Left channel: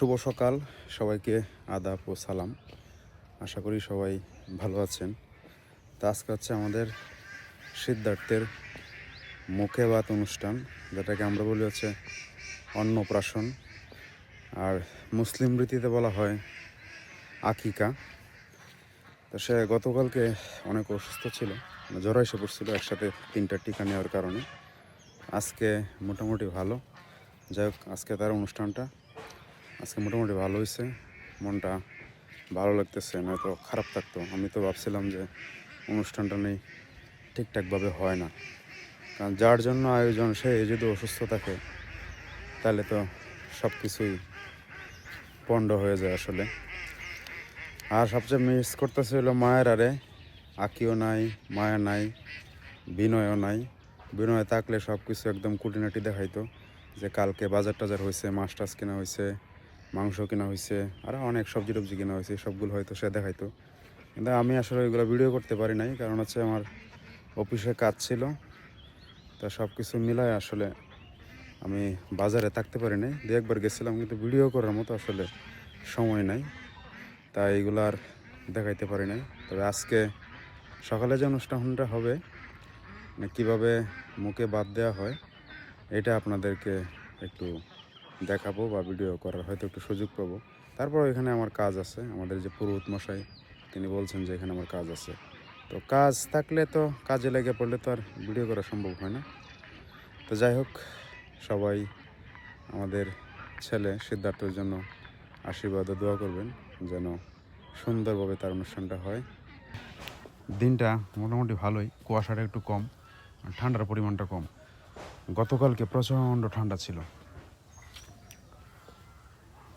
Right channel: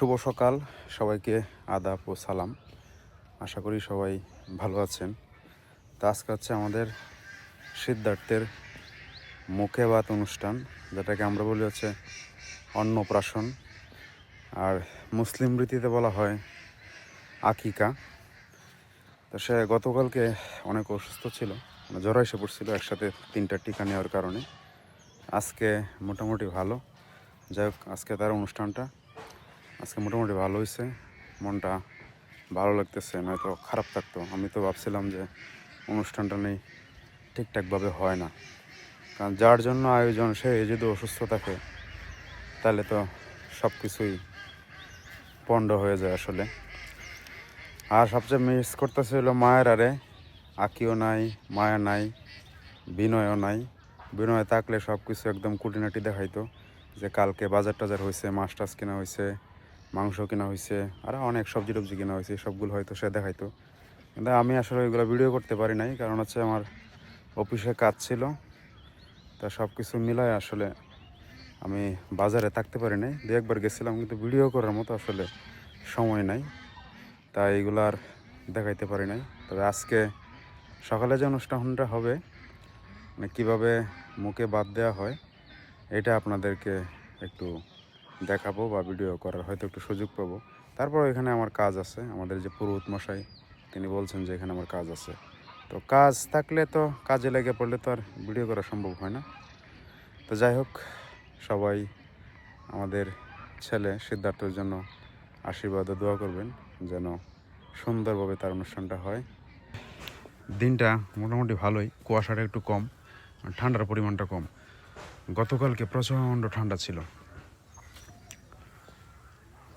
শুভ সকাল। সবাইকে আদাব ও সালাম। আশা করি সবাই ভালো আছেন। তো আজকে হচ্ছে আমাদের সিদ্ধার্থের মুখে ভাত অনুষ্ঠান, যেটাকে আমরা বলি হচ্ছে অন্নপ্রাশন। আর মুসলিম রীতিতে বলা হয় আকিকা। তো সে গতকালকে অনেক অসুস্থ ছিল মানে জ্বর এসে পড়ছিল, একসাথে তিনটা টিকা নেওয়ার কারণে। আজকে মোটামুটি ভালো। যাই হোক, আজকে তার অনুষ্ঠানটা আজকে মোটামুটি ভালো হয়েছে মনটা ভালো লাগতেছে, নয়তো খারাপ থাকতো। আমি তো ভাবছিলাম যে অনুষ্ঠানটা নেই, ঠিকঠাকভাবে হয় না। কারণ যার জন্য আয়োজন, সে যদি অসুস্থ থাকে, তাহলে তো সব কিছুই পণ্ড হয়ে যায় আসলে। আর সবচেয়ে মিস করতেছে হলো মায়ের আরে। আকিও নাই, মায়া নাই, বিনয়ও নাই। বিনয় থাকলে সব কিছু একদম কুটিনাটি দেখাইতো যে কালকে বাজার টাজার হয়েছে মাছ টাছ কেনা হয়েছে মাংস কেনা হয়েছে আর অনেক সবজি টবজি কেনা হয়েছে সবগুলো হয়তো সে দেখাইতো। কিন্তু আমি আসলে ওইগুলো ভিডিও করতে পারি নাই, কারণ হচ্ছে আমার অফিসে কাজ ছিল। তা সব কিছু মিলায় আসলে আমি বাজারে থাকতে পারি নাই। দু একবার গেছিলাম, কিন্তু ভিডিও করার মতো আসলে সময় নাই। তাই এগুলো আর দেখাইতে পারি নাই। তবে আজকে সকালে যে অনুষ্ঠানটা হবে মানে কীভাবে মুখে বাদ দেওয়া হয়, এটা আপনাদেরকে একটু দেখাবো বা ভিডিও করার হয়তো একটু সুযোগ পাবো। তারপর এখানে আমার কাজ আছে, আমাদের যে পুরোহিত মশাই, তিনি বলছেন যে এখানে আমার কাজ আছে। তো কাজ থাকলে তো কাজে লেগে পড়লে তো আর ভিডিও করা সম্ভব হয় না। তো যাই হোক, সবাই আমাদের ছেলে সিদ্ধার্থের জন্য আশীর্বাদ ও দোয়া করবেন যেন সুন্দরভাবে তার অনুষ্ঠানটা হয়। দিনটা মোটামুটি ভালোই, কুয়াশাটা একটু কম, ঠান্ডার পরিমাণটা কম। গতকালকে প্রচণ্ড ঠান্ডা ছিল।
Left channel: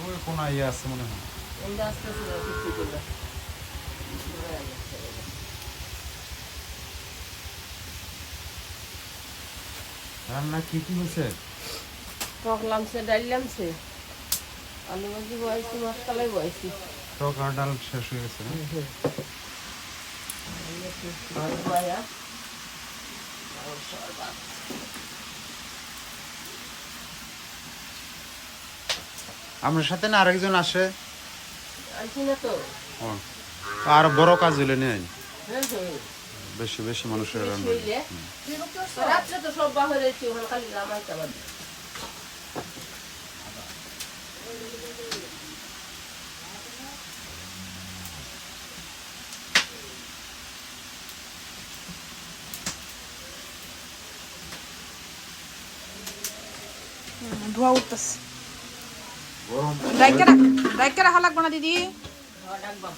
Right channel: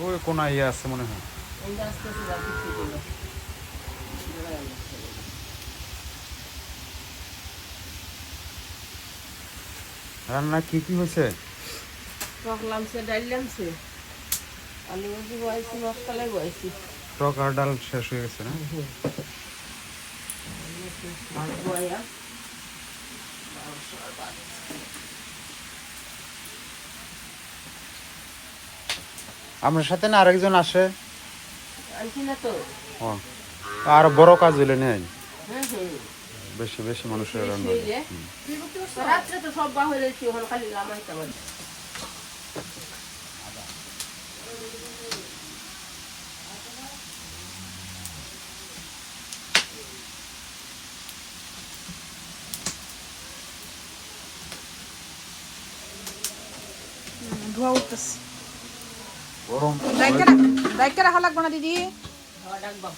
ওই কোন ইয়ে আছে মনে হয়। রান্না কি কি হয়েছে? টক লামছে ডাল লামছে আলু ভাজি বয়েছি মশলাই বয়েছি। টক আর ডাল শেষ হয়ে গেছে না? বয়া? আমার সাথে না আরেকজন আসে? আর বড় কাজ হইলে নেই হ্যাঁ হ্যাঁ। বেশি বেশি মানুষের রান্না ধোয়া উঠতেছে। গরম ডাইকে রাখ ডাইকে রাখা না দিদি। খাওয়া ডাকবা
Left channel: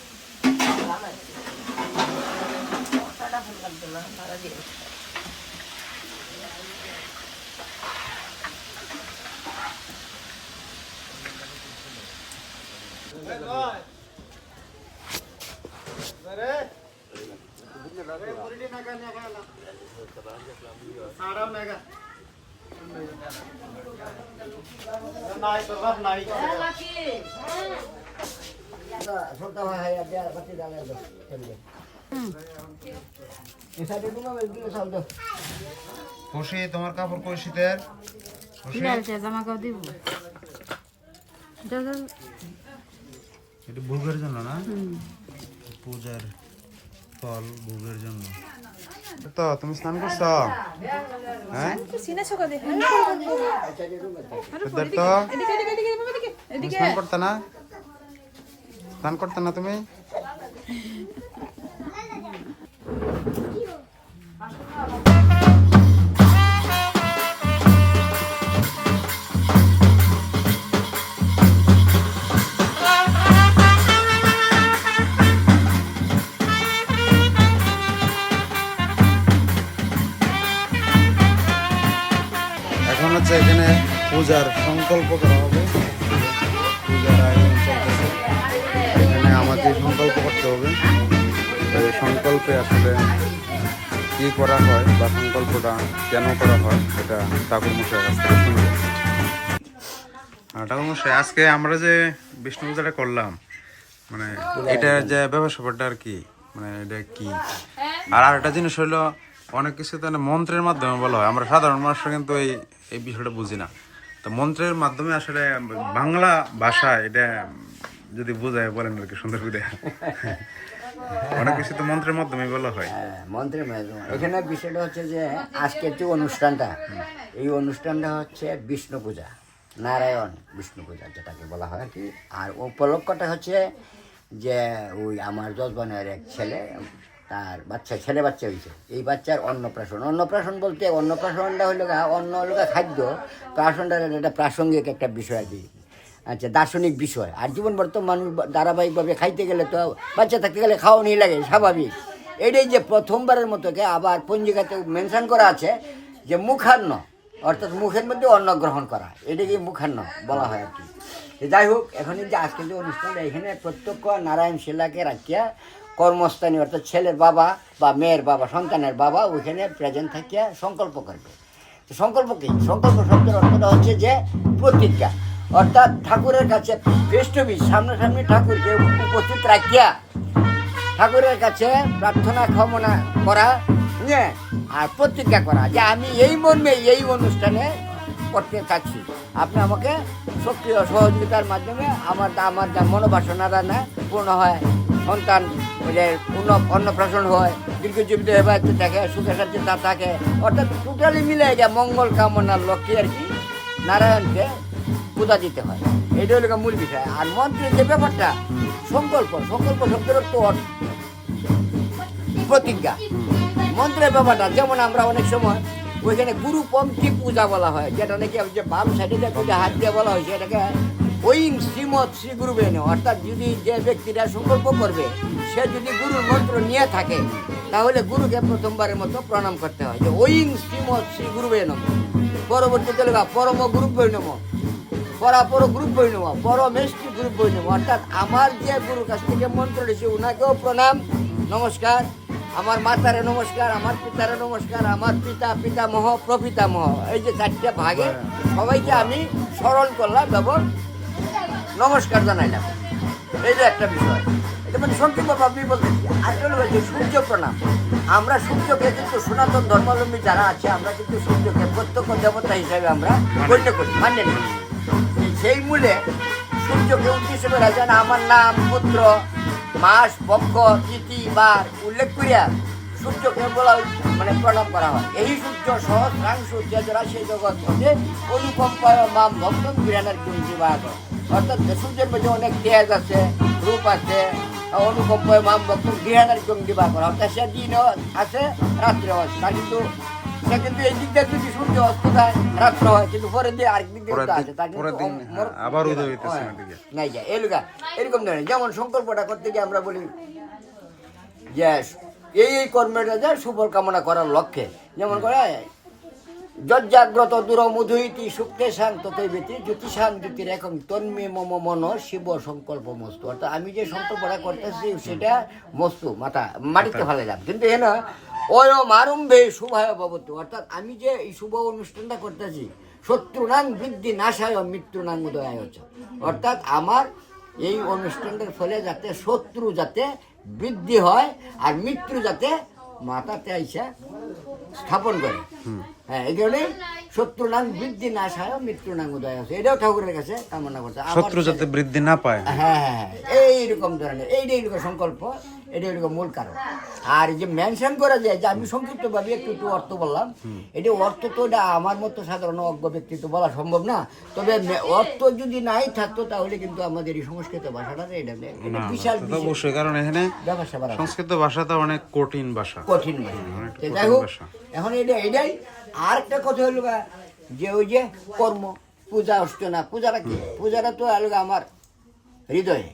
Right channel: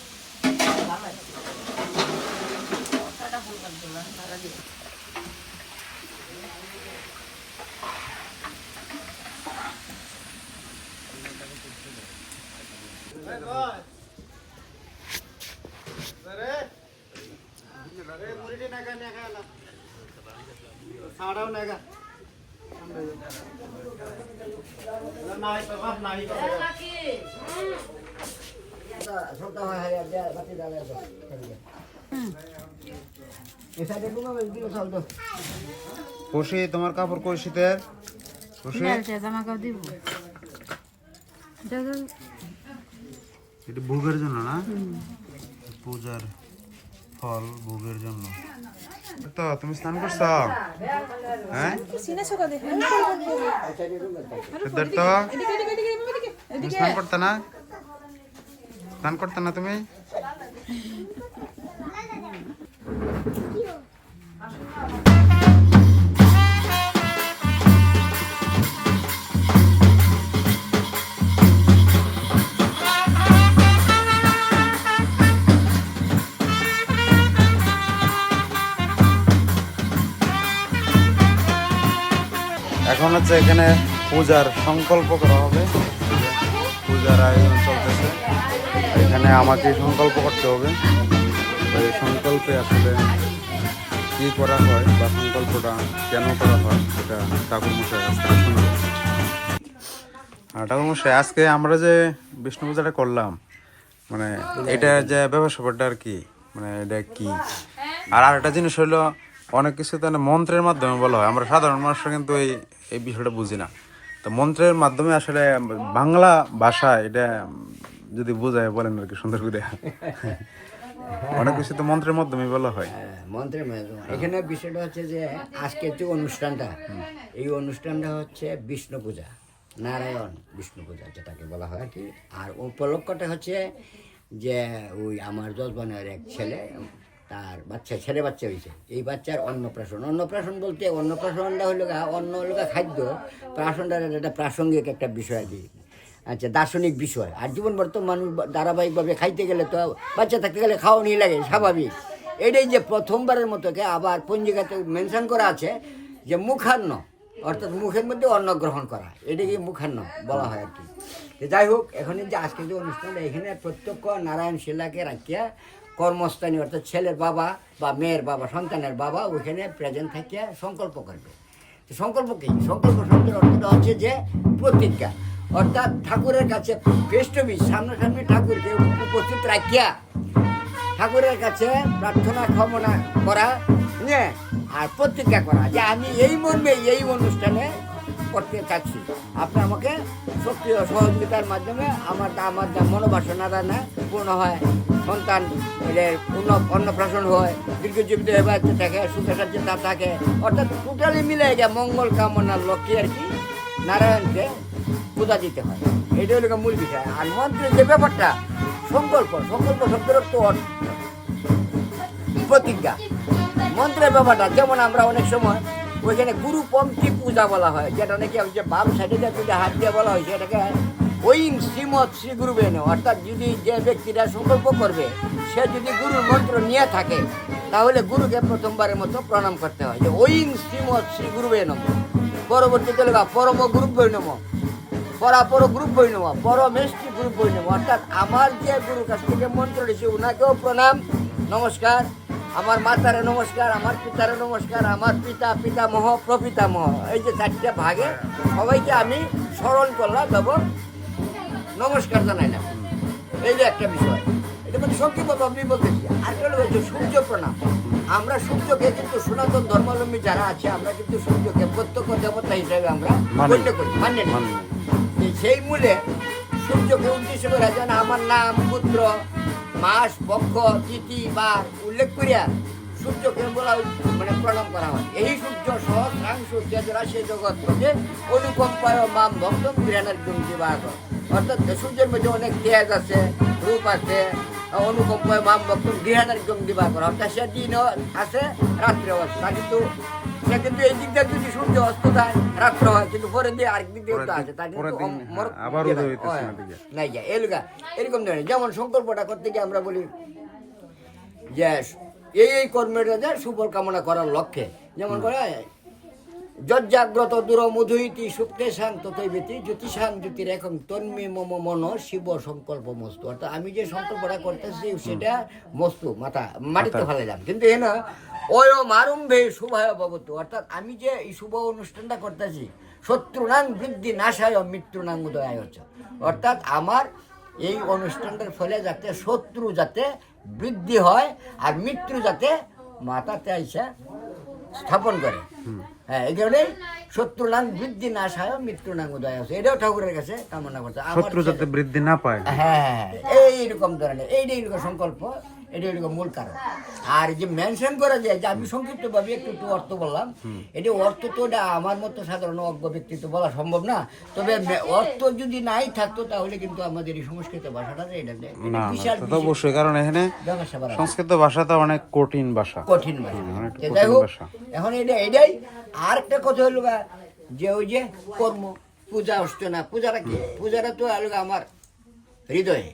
খুশি তোমার কাপড় কই শীতের? জামা কাপড় দিব। এটা ভোগের জন্য না? পূজার ফল ভোগের জন্য। তো তুমি স্নান করছ? হ্যাঁ। স্নান করতে না? স্নান করতে না তুমি? পূজার সংকল্প করা হবে। পূজার আয়োজন চলছে। আমাকে সংকল্প করতে হবে। এই সংকল্পে আসলে কি করা হয় বা সংকল্পটা কেন করা হয় এটা ঠাকুর মশাই ঠাকুর মশাই আজকে আমরা যে বিষ্ণু পূজাটা করলাম মানে এটা যে ব্যবসা ব্যাপারটা আর কি মানে এটা কি? আর আরেকটা জিনিস হলো, অনেক কিছু তো মানে মন্ত্রের মাধ্যমে বলা হয়। আমরা সাধারণ মানুষরা কিন্তু এই এই বিষয়টা বুঝি না। তো মন্ত্রের মাধ্যমে আসলে বাংলা ভাষা এটা যদি বোঝায় বলেন আর কি সুন্দর করে। অনেক কিছু তো মন্ত্রের মাধ্যমে বলা হয়। হ্যাঁ, মন্ত্রের মাধ্যমে। এখানে বিষয়টা হচ্ছে যে আজকের যে অনুষ্ঠানটা এই অনুষ্ঠানটা হচ্ছে বিষ্ণু পূজা নারায়ণ বিষ্ণু পূজা যেটাকে বলা হয় আর কি। আর উপলক্ষটা হচ্ছে যে ওই আমার যজবানের এক ছেলে তার বাচ্চা, ছেলে বাচ্চা হয়েছে এই বাচ্চার অন্নপ্রাশন। অন্নপ্রাশন বলতে অন্নপ্রাশনটা হলো গা, অন্ন হলো গা খাদ্য। প্রাশনটা একটা প্রাসঙ্গিক একটা বিষয় আর কি। আচ্ছা দার্শনিক বিষয়। আর জীবন বর্তমান মানুষ ধারাবাহিকভাবে খাইতে গেলে তো বাচ্চা থাকতে গেলে খাওয়ানি লাগে, স্বাভাবিক। এটাই যে প্রথমবারের মতো কে আবার পঞ্জিকাতে মেনশন করা আছে যে মুখান্ন, অর্থাৎ মুখের মধ্যে অন্ন গ্রহণ করা। এটাকে মুখান্ন বলা হয় আর কি? যাই হোক এখন যে আজকে যে অনুষ্ঠান এখানে প্রত্যক্ষ নারায়ণ শিলাকে রাখিয়া কর্মস্থানী, অর্থাৎ ছেলের বাবা বা মেয়ের বাবা, সন্তানের বাবা ওইখানে প্রেজেন্ট থাকিয়া সংকল্প করবে। সংকল্প কি? সংকল্প শব্দের অর্থটা হচ্ছে যে প্রতিজ্ঞা। অর্থাৎ ঠাকুরের কাছে ফেস সামনাসামনি ঠাকুরকে উপস্থিত রাখিয়া ঠাকুরের কাছে প্রার্থনা, ক্ষমনা করা হ্যাঁ আর প্রতিজ্ঞা করা যে আমি এই মর্মে এই অনুষ্ঠানে করতে চাচ্ছি আপনি আমাকে সক্রিয় সহযোগিতার মাধ্যমে আমার আমার মনোবাসনারা না পূর্ণ হয়। সন্তান পূর্ণ, অন্নপ্রাশন হয়, দীর্ঘজীবিত এবার থাকে সুখে সাথে তা থাকে। অর্থাৎ টোটালি মিলে গিয়ে মঙ্গল কামনার লক্ষ্যে আর কি, নারায়ণকে পূজা দিতে হয়। এটা হলো মূল বিষয়। আর মন্ত্রের যে ব্যাপারটা, সংকল্প সংকল্প শব্দের অর্থ প্রতিজ্ঞা। মন্ত্রের ব্যাপারটা, যেমন আমরা অনেক সময় ওইখানে গুরু পঙ্ক্তি পূজা বলা হয়, যেটা নাকি যে বাম সাইডে যে হাত দিয়ে বলা হয়, সেটাকে ওইং শ্রীমৎ শ্রী গুরু বেন অর্থাৎ যদি যে ব্যক্তিরা সংকল্প করবে, সে যদি গুরুর মন্ত্র নিয়ে থাকে, তাহলে গুরুকে প্রথমবারের মতো প্রণাম করতে হয়। যে ওইং শ্রীমৎ শ্রী গুরু বেন পরবর্তীতে লেখা পরম গ্রুপ বৈনম পরাপর গ্রুপ বৈনম পরমেষ্টি গ্রুপ বৈনম অর্থাৎ আমার যে গুরুর কাছ থেকে মন্ত্র দিয়েছে ওনাকেও প্রণাম, নমস্কার। আমার মাতারে নমস্কার, আমার পিতারে নমস্কার, আমার পিতা, পিতামহ, প্রপিতামহ, এই যে চারটে ভাগে সবাইকে আমি স্মরণ করলাম এবং নমস্কার জানাইলাম। এই যে একটা বিষয় এটা মানে সংক্ষিপ্তভাবে আমি বলতেছি আর হলো যে সূর্য প্রণাম। আমরা সূর্যকে কিন্তু সনাতন ধর্মাবলম্বী যারা আছে আমরা কিন্তু সূর্যকে প্রত্যক্ষ দেবতা হিসাবে আমরা। গণ্য করি মান্য মানি। যে সেই মূলে সূর্যকে উদ্দেশ্য করে যেন আমার নাম পুত্র মাস পক্ষ তিথি বার উল্লেখ করিয়া সূর্যকে বলা মানে প্রণাম করা হয়। এই সূর্য সহস্রাংশ তেজরা সেই জগৎ অনুকম্পায় মাম ভক্তম গৃহানের দুর্জিবাগ অর্থাৎ সূর্যের মধ্যে অনেক তেজ আছে রূপ আছে অনুকম্পায় মাম ভক্তম গৃহানের দিবা করা। অর্থাৎ সে দিনও আছে রাত্রেও আছে তা কিন্তু সে কিন্তু এই দিক দিয়ে যদি সূর্য অস্ত যায় রাত্র হয়। কিন্তু পরের দিয়ে আরেক দিক দিয়ে আছে। তা কিন্তু হ্যাঁ, মর- আবার উদয় হইতেছে নাই যায়। এলগা এরকম ধরনের যেমন সংকল্পটা করতে গিয়ে আমরা বলি যে এই এই কর্মের যে সুফল কামনা করার লক্ষ্যে যেমন করে যজ্জাগ্রত দূর মধুইতি সুপ্তে শান ততই ব্যতি জ্যোতিষান জ্যোতির এখন তন্মে মম মন শিব সংকল্প মস্তু। অর্থাৎ আমি যে সংকল্পটা করতেছি সেটা মস্তু মাথা মাটিতে ফেলাইলাম। কিন্তু এ না অয়ম আরম্ভে শুভায় ভবতু অর্থাৎ আমি যে এই শুভ অনুষ্ঠানটা করতেছি শত্রুনাং বৃদ্ধি নাশায় মৃত্যুনাং উদয়ায় হচ্ছে। অর্থাৎ আমার এই অনুষ্ঠানটার ফলে যাতে শত্রু যাতে বৃদ্ধি হয় আর মৃত্যু যাতে মাথাতে আইসা স্থাপন করে। হ্যাঁ এই কারণে শত্রু নাং বৃদ্ধি না সায় মৃত্যু নাং উদয় আছে এটাও ঠাকুরের কাছে কামনা করছে। শত্রু যাতে বৃদ্ধি না পায়। হ্যাঁ হ্যাঁ, হ্যাঁ, এইরকম ধরনের এইটাই সংকল্প এটা এরকম মূল কারণ। আর যে মেনশন করা যায় যে আমি সংক্ষিপ্ত ভাবে একটু একটু অর্থ বললাম। এটি অর্থ তো এটা আমার মতো সাধারণ অজ্ঞ ব্যক্তি তো বলা সম্ভব না। তবে অর্থ যদি নাই থাকতো তাহলে কিন্তু আমাদের এই সংস্কৃত ভাষাটা এটা বিশাল অবশ্যই কারণ এখানে। সংস্কৃত ভাষাটা অনেক কঠিন ভাষা। কঠিন ভাষা। যাই হোক এখন এটা এটাই। আর একটা কথা হলো গা, যে ওই যে কর্ম পূজা অর্চনা পূজাটা কি? পূজাটা তো হলো আমার হৃদয়ে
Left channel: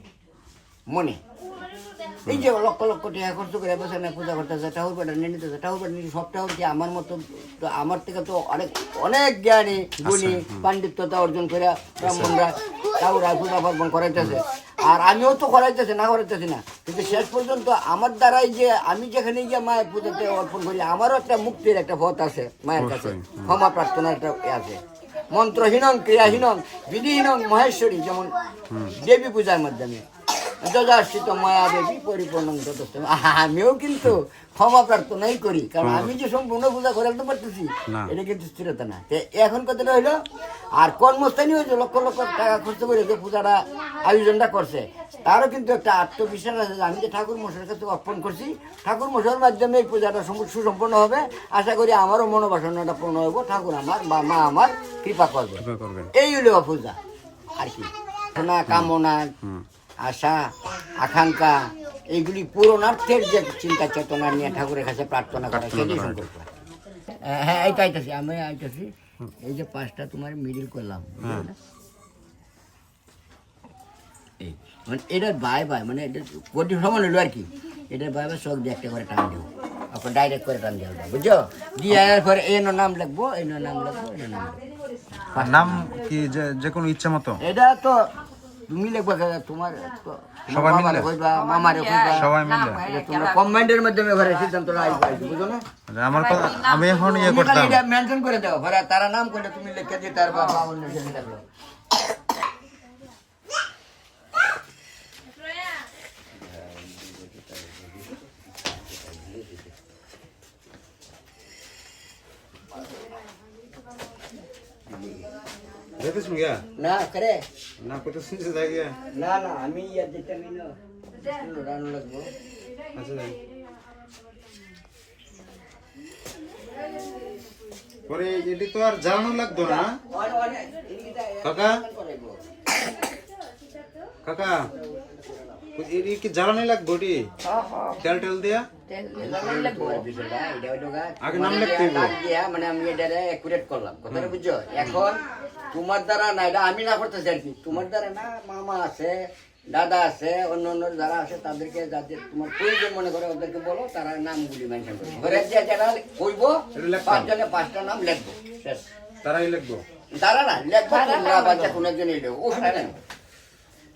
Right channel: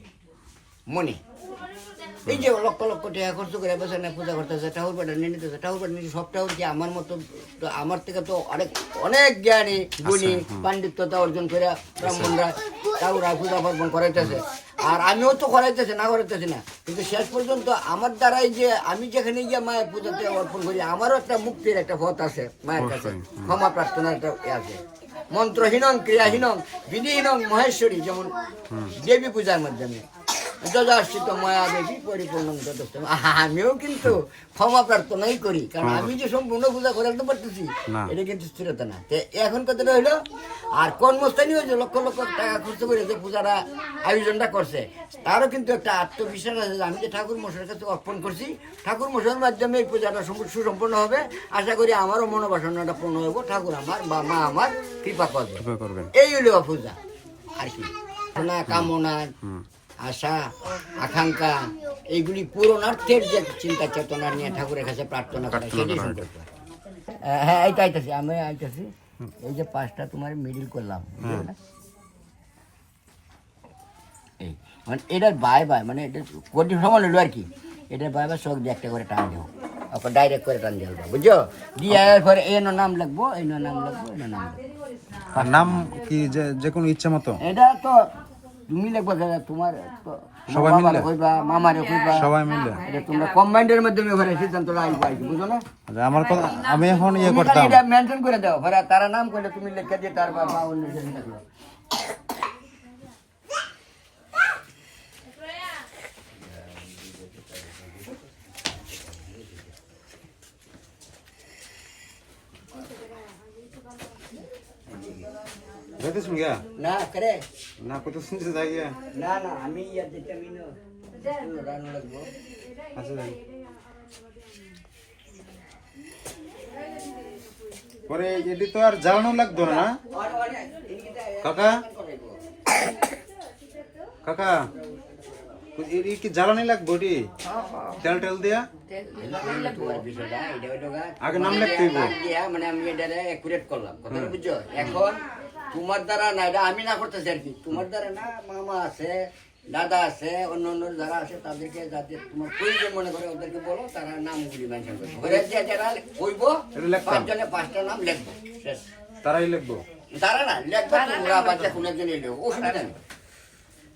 মনে। এই যে লক্ষ লক্ষ টাকা খরচ করে বসে না পূজা করতেছে ঠাকুর পাটা নিয়ে নিতেছে ঠাকুর পাটা নিয়ে সব ঠাকুর কি আমার মতো তো আমার থেকে তো অনেক অনেক জ্ঞানী গুণী পাণ্ডিত্যতা অর্জন করে ব্রাহ্মণরা ঠাকুর পূজা পার্বণ করাইতেছে। আর আমিও তো করাইতেছি না করাইতেছি না। কিন্তু শেষ পর্যন্ত আমার দ্বারাই যে আমি যেখানে গিয়ে মায়ের পুজোতে অর্পণ করি আমারও একটা মুক্তির একটা পথ আছে মায়ের কাছে। ক্ষমা প্রার্থনার একটা ইয়ে আছে। মন্ত্রহীনং ক্রিয়াহীনং বিধিহীনং মহেশ্বরী যেমন দেবী পূজার মাধ্যমে। যজাশ্রিত মায়া দেবী পরিপূর্ণ যথেষ্ট। আমিও কিন্তু ক্ষমা প্রার্থনাই করি কারণ আমি যে সম্পূর্ণ পূজা করে রাখতে পারতেছি এটা কিন্তু স্থিরতা না। তো এখন কথাটা হইল আর কর্মস্থানীয় যে লক্ষ লক্ষ টাকা খরচ করে যে পূজাটা আয়োজনটা করছে তারও কিন্তু একটা আত্মবিশ্বাস আছে যে আমি যে ঠাকুর মশাইয়ের কাছে অর্পণ করছি ঠাকুর মশাইয়ের মাধ্যমে এই পূজাটা সম- সুসম্পন্ন হবে। আশা করি আমারও মনোবাসনাটা পূর্ণ হইব ঠাকুর আমার বা মা আমার কৃপা করবে। এই হইল পূজা আর কি। না কামনা আশা আকাঙ্ক্ষা এইগুলি পূরণার্থের যে চিন্তা চেতনা নিয়ে ঠাকুরের কাছে প্রার্থনা করা সেটাই সংকল্প হ্যাঁ, হ্যাঁ এইটা আইতাছি আমি আইতাছি। এই যে পাঁচটা তোমার মিডিল করলাম এই মানে এটার বাই বাই মানে এটা কোটি সমান হলো আর কি? এটার বাই বাই সব দিয়ে একটা করে টান দেবো। আপনার ডাইরেক্ট করে টান দেবো বুঝছ? দিয়ে এরপরে এর নাম এর নাম লিখব এর নাম নাম কি যে যে কোনো ইচ্ছা মতো? এটা তো তুমি লিখবা দাদা তোমার তো তোমার সবাই মিলে? বাবারে কইবা মামারে কইবা সবাই মিলে এটা তোমরা কম্বাইন্ডের মাধ্যমে ঘরে সিদ্ধান্তটা আইবা আইবা, বুঝো না আচ্ছা, আমার কথা আমি এখন ইয়ে করতাম মেনশন করে দাও ঘরে তারা নাম করলে তুমি লিখে দিয়ে তার বাবা অন্য ছেলে থাকল যেতেছেন গিয়া না করে না কোথাও যে যাই না না আমি ইয়ার দিতে মিনো রান লাগবো। আচ্ছা যাই। পরে এটি তো আর জ্বালানো লাগতো না। কাকা? কাকা এটি কি জ্বালানি লাগবো এটি? তেল টেল দিয়া? আগে নাম লিখতে হইব। মানে আমি এটা একুরেট করলাম কথাটা বুঝছ এখন তোমার দ্বারা না এটা আমি না করতেছি আর কি তোমার দ্বারা না মামা আছে দাদা আছে অন্য অন্য যারা আছে তাদেরকে যাতে তোমার প্রয়োজন মনে করে ওদেরকে বলো তারা নামগুলি মেনশন করব ঘরে যে যারা কইবো এটা লিখতাম। পাঁচজনে পাঁচটা নাম লিখব শেষ তারাই লিখব তারা না লিখব তোমরা বাচ্চা কোনো একজনই লিখব অসুবিধা নেই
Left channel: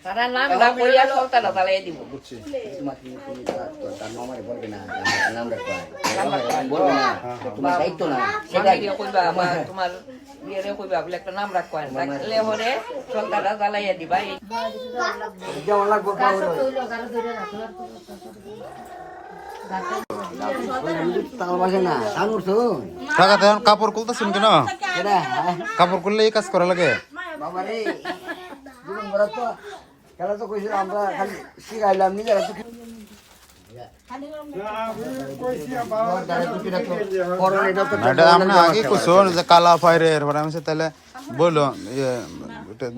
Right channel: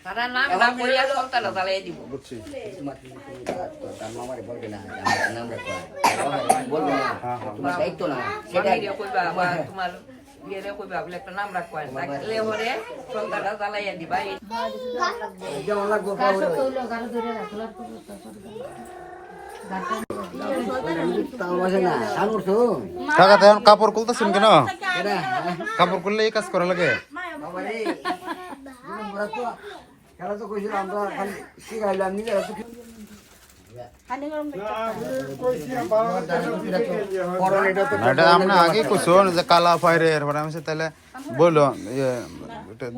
তারা নাম না কইয়া সরকার তালাই দিব বুঝছি তোমার তুমি তুমি তার তার মামারে বলবে না নাম রাখো বলবে না তোমার দায়িত্ব না সেটা আমি কইবা আমার তোমার ইয়েরে কইবা বলে একটা নাম রাখো রাখলে হরে সরকার তালাইয়া দিবা। এই লাগবো তামাশা না আনুর শুন কাকা তখন কাপড় খুলতেছেন কেন? কাপড় খুললে এই কাজ করা লাগে? বাবা রে জীবন তো কইছিল আমরা খালি শিখাইলাম নি এরা তো না এটা আমরা আগে কইছো যে কালা ফাইরে এরপরে আমি বলছি, তাহলে বলল ইয়ে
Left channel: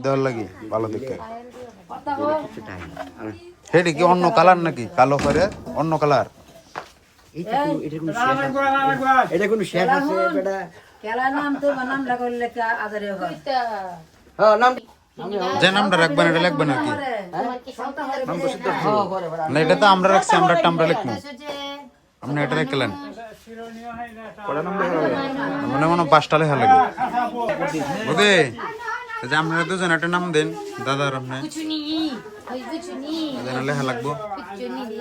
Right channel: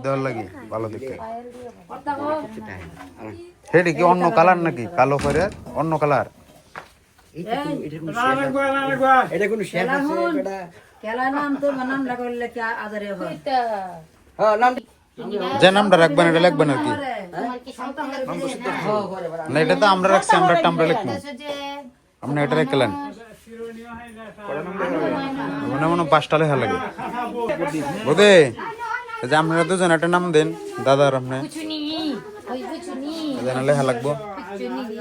দেওয়ার লাগে ভালো দেখে সেটি কি অন্য কালার নাকি? কালো ফাইরে অন্য কালার? এটা কোনো শেষ আছে? এটা খেলায় নাম তো নাম লাগাইলে কি আজারে হয় হ্যাঁ নাম যে নামটা রাখবেন এটা লিখবেন আর কি। না এটা তো আমরা রাখছি আমরা একটা আমরা লিখব। আপনি এটা রেখেলেন মানে মনে পাঁচটা লেখা লাগে। বুঝে যে আপনারা দুজন একটা নাম দেন দাদার আপনি। লেখা লাগবো।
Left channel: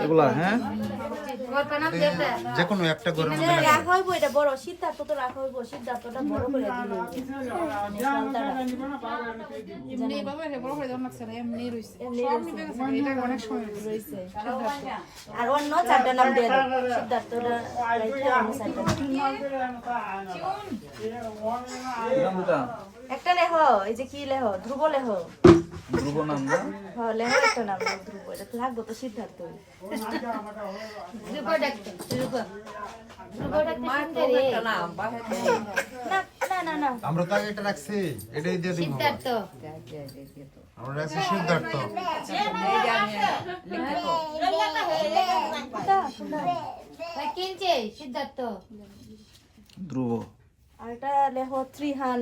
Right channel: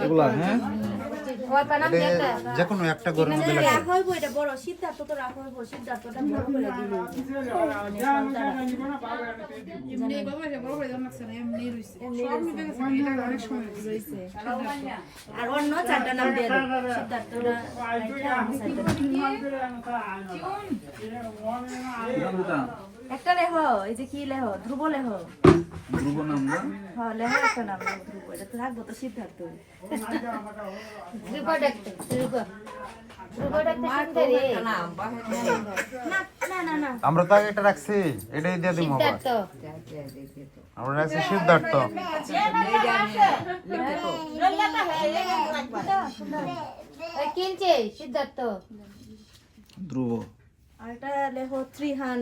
এগুলা হ্যাঁ? যে কোনো একটা ঘরের মধ্যে রাখা হইব এটা বড় সিদ্ধার্থ তো রাখা হইব সিদ্ধার্থটা বড় করে দিলে এমনি বাবা রে বড় করে লাগছে না এমনি রইছে সব গেছে এটা অনেক সময় রইছে আর অন্য চারটা নাম দিয়ে দাও সিদ্ধার্থটা চারটা। একটা লেহ এই যে কি লেহ? ধ্রুব লেহ। ধ্রুব নাম না? হ্যাঁ লেহ একটা নাম ধ্রুব। এটা তো লাগবে তো সিদ্ধার্থ। ধ্রুব ধ্রুব। মা তো একটা নাম বাহে না না না না। আমরা তো আগে এটা রাখছি এটাই দিয়ে দিব আমরা রাখছি সিদ্ধার্থ। কিনছে সিদ্ধার্থ? ধ্রুব। আর এটা লেহ ত্রিহান।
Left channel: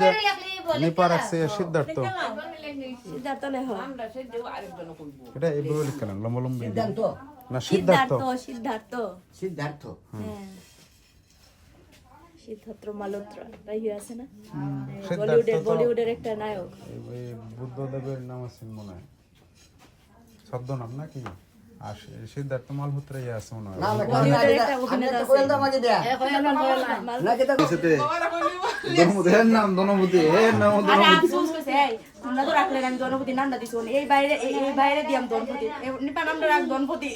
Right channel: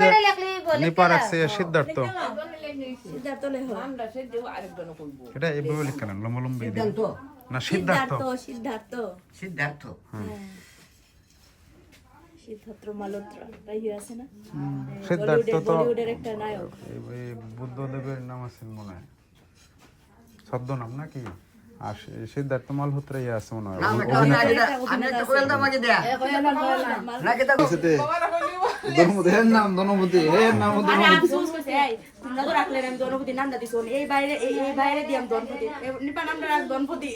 যে নিপা রাখছে সিদ্ধার্থ। সিদ্ধার্থ লেখো এটা এইভাবে লিখলেন লম্বা লম্বি না সিদ্ধার্থ। সিদ্ধার্থ সিদ্ধার্থ। হ্যাঁ। সিদ্ধার্থ মালহোত্রা তাই হয়ে আছে না? বলিউডের বলিউডের একটা নায়ক। বুদ্ধদেবের নাম আছে মনে হয়। ছদ্মনাম নাকি? আর সিদ্ধার্থ মালহোত্রা ইয়ে আছে মনে হয়। এর নাম দনমতি এর নাম এই তোমরা তো রাখলে আমি দনপতি নামটা দিছো এই বাইরে এই বাইরে দিয়াম দনপতি নিপা নামটা রাখ দনপতি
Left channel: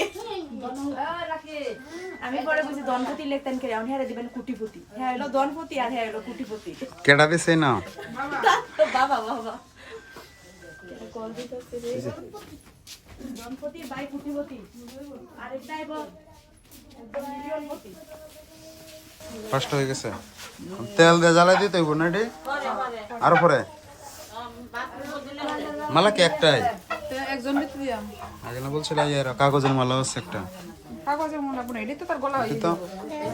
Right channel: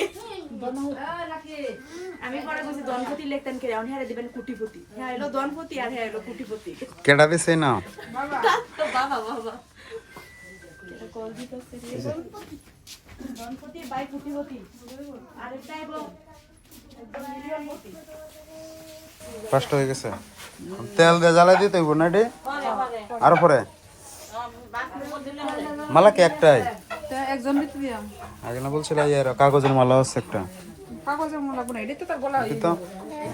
আমি পরে কইছি দনপতি লিখতেন কে এখন হেরে দিবেন কুটিপতি হ্যাঁ হলো দনপতি আর হ্যাঁ কুটিপতি কেডা দিছে না বাবা বাবা। বাই কুটিপতি ফার্স্ট হয়ে গেছে। তেল দিয়ে জ্বালাই দিতে হইব না আর পরে মালা কি একটাই। তা একজন আগে না বলছিল ইয়ার কাগজের মালা আছে একটা। কাগজের আপনি এটাই তো তার গলা এটি তো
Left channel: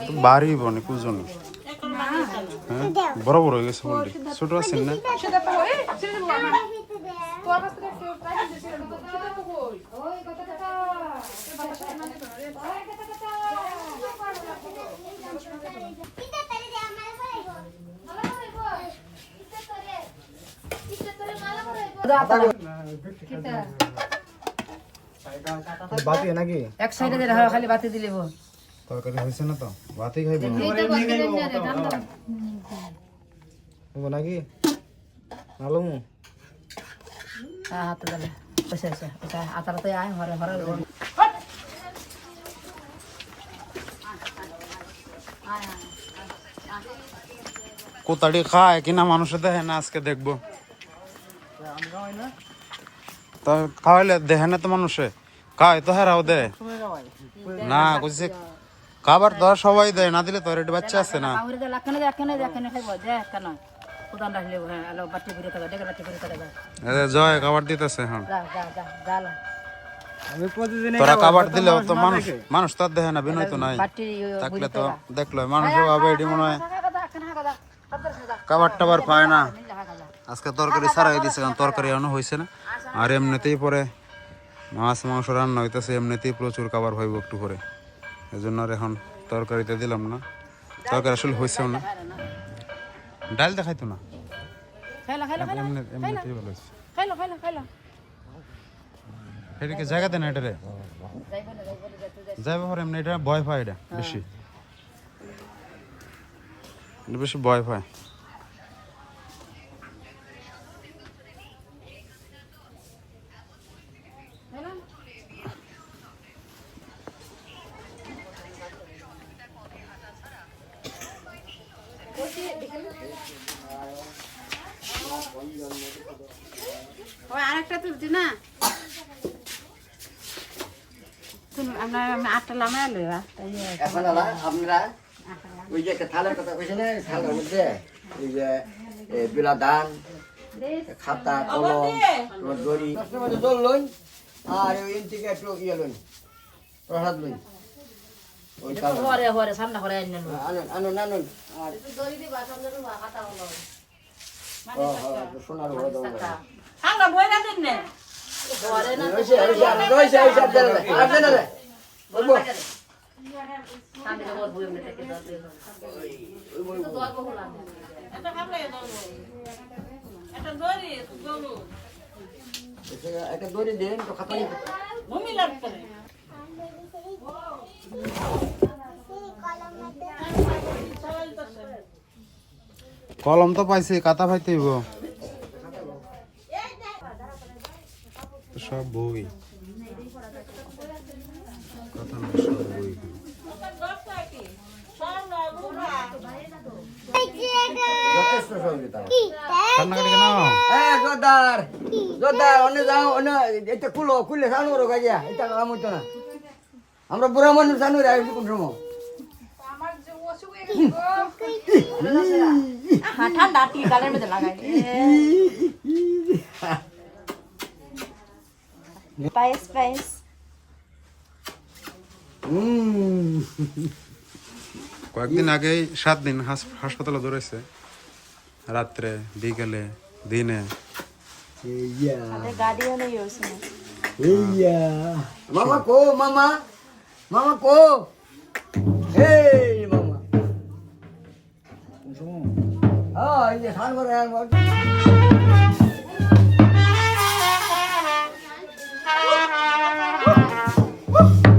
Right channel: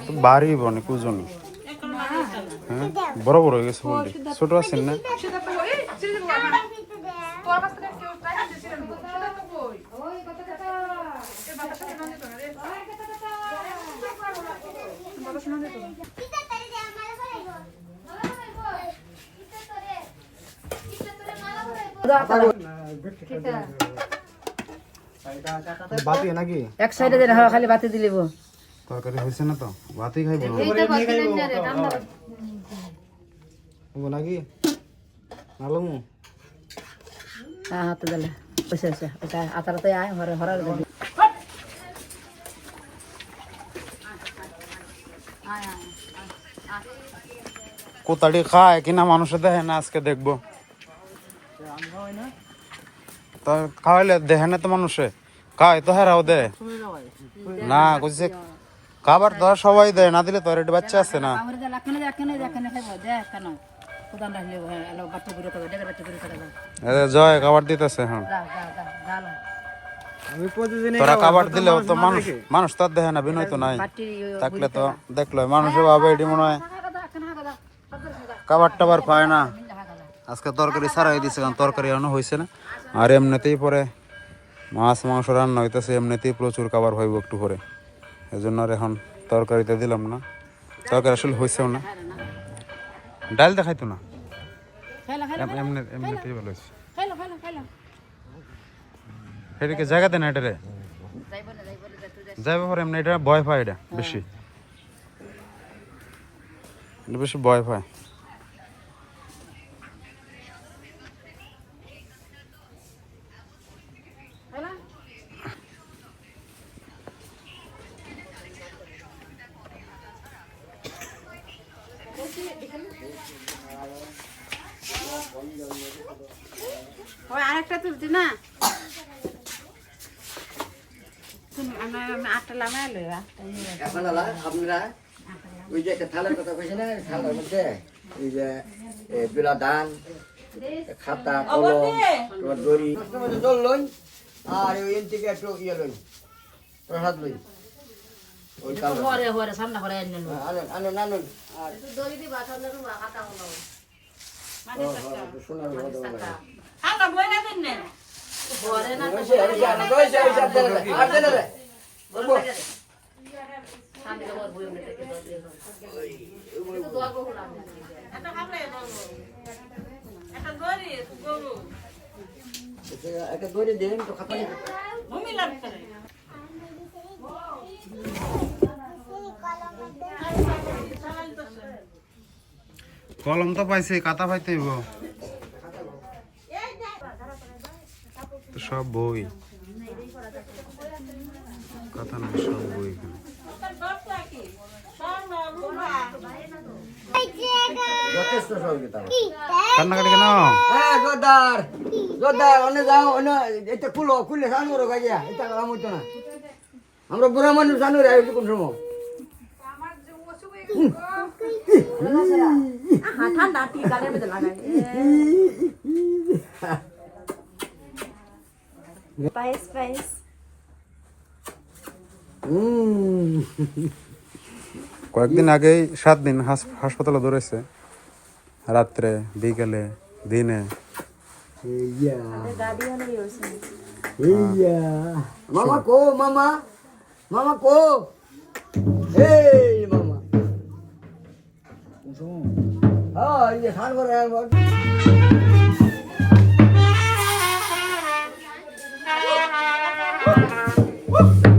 তো বাড়ি বনে কুজনি। হ্যাঁ? বড় বড় হয়ে গেছে ছোট আছেন না সেটা তো এই ছেড়ে দেবো না তো আবার তো কেউ তাই দিছিল সেটা তো কই ওই কথা কথা এ বাবা সাথে না যেত না রে এক সাইডে দিলে খালি বাতি দিলিব তরকারি হয়েছে না তো? ভাতই খাইব নাকি? আলমু হ্যাঁ হাতে দিলে। বসে বসে। ওটা আতারাতে আয় হরে হরা কোতাড়ি খায় কিনা মানুষে দেখে না আজকে দেখব। তা খাওয়াইলে দেখে না তো মানুষে। খায় তো হেরাও দে। না, কইছে, খাবার তো সবাই দেয় না, দিলে তো রেডি বাচ্চা আছে না। জয়, খাবার দিতেছে প্রতিদিন তোরা খাবার দিলেও তো মানুষ মানুষ তো আর দেখে না, বিনয় তো নাই। থাকলে তো দেখল মানুষে ভাবে এটি মনে হয় খাবার টাবার পায় না। আজকে তরকারি ছাড়াই দিছে কারণ তরকারি এখনও হয়েছে না। আর এমনিতেই পরে মাছ মাংস রান্না হইতেছে এমনিতেই প্রচুর খাবার হইব একটু পরে। এই জন্য আর এখন তরকারিতে দিলাম না। তরকারি আসলে হয়েছেও না। ডাল দেখাইতো না? এমনিতেই ভালো হয়েছে এটাকে জায়গা দেন এটা রে? যাইবে পরে এমনি এটা ভয় পায় এটা বেশি। বেশি ভয় পায়। ওই আরেকটা তুলতি না। তুমি আমরা আটটা লামে লইবা এখন আলা আপনারা ওই যে একটা কথা কইছেন না থালার মধ্যে ওই যে বিলা ধান খাতা কলম তোমার দড়ি। জল লই আর ওই থেকে একটু ইয়ে লই। প্রসাদ লই। হরে হরে সামনে হরে আনুন আনুন আনুন আর সোনার আমরা বই না দেন না হরে না এটা- দড়ি দিন তো খাতা। কলম তো পাইছে কাতা পাইতে হইব। সব বই। কথা নাই, সব বই। কান্নাকাটি কেন? হ্যাঁ জোরদার। জোরদার, অন্য যাও, অন্য এটা খুলো, খুললে সানু রো গাইয়া এটা কাম না। আমরা বুড়া মানুষ সানু রে আইছি কোন সময়? হ্যাঁ ঠান্ডা টি গালের মধ্যে লাগাই পায়েস পায়েস। কয়েকদিন আগেই সাত দিন হাস- হাসপাতালে ধরেছে। রাত্রে বিকেলে দিনে। মামা কো মামা? মামা কো? এই মামা। হ্যাঁ এই যে স্নান করে একবার Woo!